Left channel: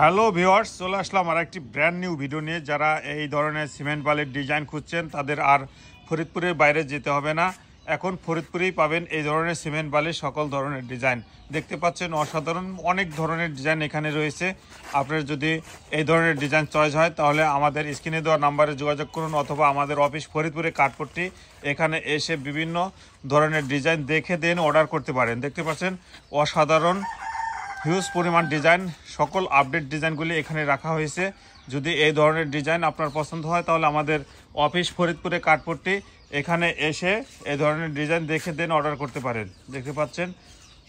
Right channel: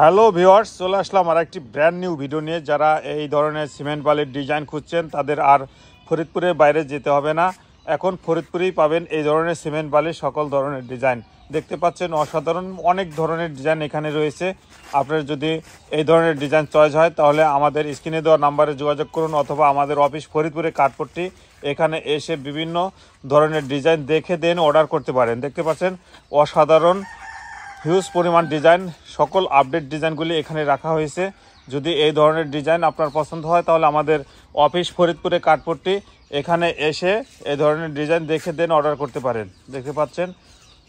Hello viewers, চলে আসলাম আর একটি brand new video নিয়ে। যারা এই ধরনের সিমেন্ট বালির ডিজাইন খুঁজছেন তাদের আর ফরিদপুরের বাইরে যেতে হবে না। এখন ফরিদপুরেই পাবেন এই ধরনের সিমেন্ট বালির সকল ধরনের ডিজাইন। দেখতে পাচ্ছেন অসাধারণ অনেক ধরনের ডিজাইন এখানে রয়েছে। আপনার যদি এই ধরনের ডিজাইন চয়েস হয় তাহলে আমাদের স্ক্রিনে দেওয়া নাম্বারে যোগাযোগ করুন, অথবা আমাদের অফিস ফরিদপুরে কাঠপট্টি, এখানে এসে বিভিন্ন ধরনের ডিজাইন দেখে দেন অর্ডার করতে পারেন। দেখতে পাচ্ছেন অসাধারণ হিউজ পরিমাণ ডিজাইন, সকল আপডেট ডিজাইনগুলি এখানে রাখা হয়েছে। যদি এই ধরনের ডিজাইন আপনার পছন্দ হয় তাহলে আমাদের অফিস ফরিদপুরে কাঠপট্টি, এখানে এসে এই ধরনের ডিজাইন দেখে দেন অর্ডার করতে পারেন। দেখতে পাচ্ছেন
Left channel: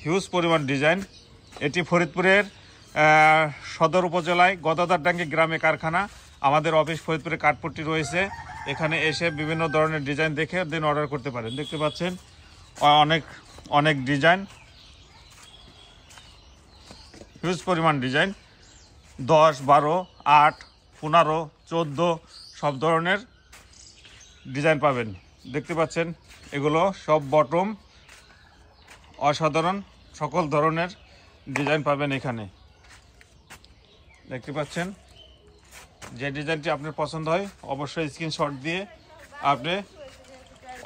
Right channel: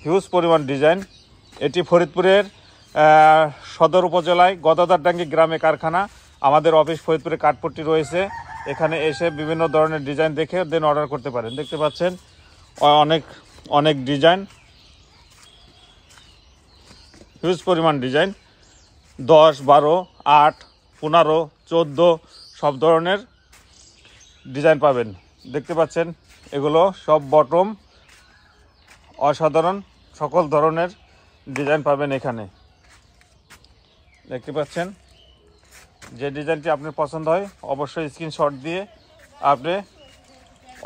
হিউজ পরিমাণ ডিজাইন। এটি ফরিদপুরের সদর উপজেলায় গদাদারডাঙ্গি গ্রামে কারখানা। আমাদের অফিস ফরিদপুরে কাঠপট্টি রয়েছে, এখানে এসে বিভিন্ন ধরনের ডিজাইন দেখে দেন অর্ডার করতে পারেন। দেখতে পাচ্ছেন অনেক অনেক ডিজাইন, হিউজ পরিমাণ ডিজাইন, 10, 12, 8, 15, 14 সব ধরনের ডিজাইন পাবেন। দেখতে পাচ্ছেন এগুলো সব বটম, অসাধারণ সকল ধরনের ডিজাইন পাবেন এখানে। দেখতে পাচ্ছেন যে ডিজাইনটি আপনার পছন্দ হয় অবশ্যই স্ক্রিনশট দিয়ে আপনি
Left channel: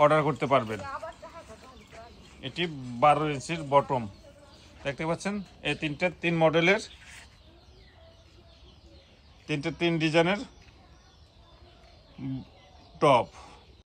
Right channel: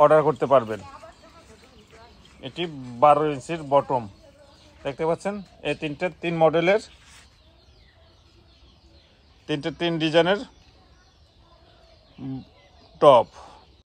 অর্ডার করতে পারবেন। এটি 12 ইঞ্চির বটম। দেখতে পাচ্ছেন এই তিন মডেলের 3 ডিজাইনের টপ।